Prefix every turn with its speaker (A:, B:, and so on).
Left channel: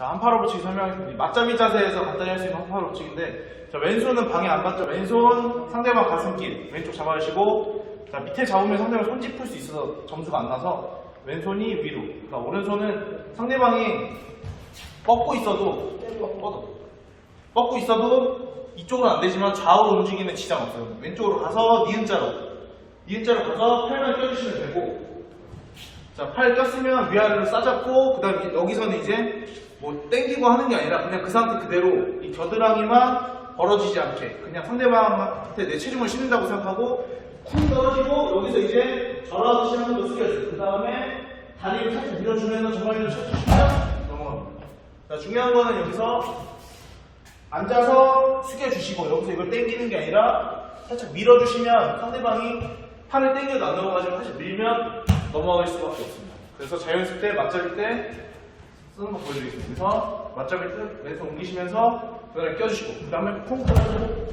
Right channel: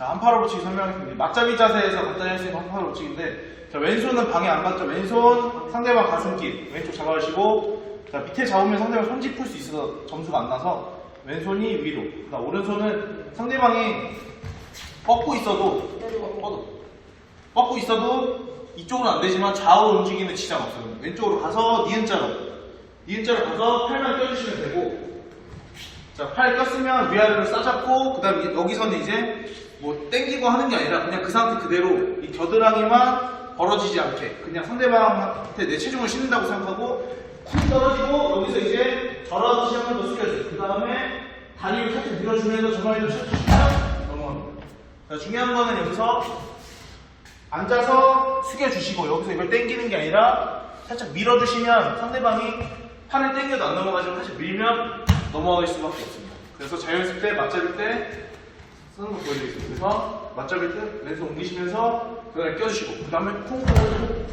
A: 자, 한파로 붙이기 설명하겠습니다. 맞잡이 자세에서 간단히 할 수 있는 한파로 붙이기인데, 자, 왼손은 방해 안 받죠. 왼손 상대방 가슴길, 왼쪽 잡아주시고, 자, 밑에 잡으면 상대방 손짓 풀수 있어서 점수가 안 나서, 왼손이 위로. 나 오른손은 상대방이 뻗고 있어도, 뻗어. 뻗고 있어도 이쪽으로 안 되지만 좌우로 움직이는 지장 없어요. 왼쪽으로 가서 니은자로. 니은자로 가서 팔만 껴주시면 되고, 자, 팔 꼈으면 위아래로 싸잡고, 그 다음에 여기서는 이제 뭐 땡기고 하는 게 아니라 그냥 그 상태 그대로 이 겨드랑이만 벌어지지 않게 그냥 상대방한테 내 체중을 실는다고 생각하고 쿵 떨어지고 여기서 이제 절하듯이 한 번 더 숙여줘요. 그 다음에 다리를 살짝 밀어주면서 정말로 쳐주시면 넘어갑니다. 자, 중요한 거는 여기서 앉아서 숙여주시고 여기서 이걸 땡기는 게 아니라 살짝 밀어주시면 상대방이 팔을 땡겨도 안 넘어가지고 사실 밀면 넘어갈 수밖에 없습니다. 그래서 자연습 때 맞잡을 때 쓰는 거 보여드리겠습니다. 그래서 맞잡을 때 왼손 옮기시면서 그 다음에 껴주시고 그 다음에 쿵 떨어지고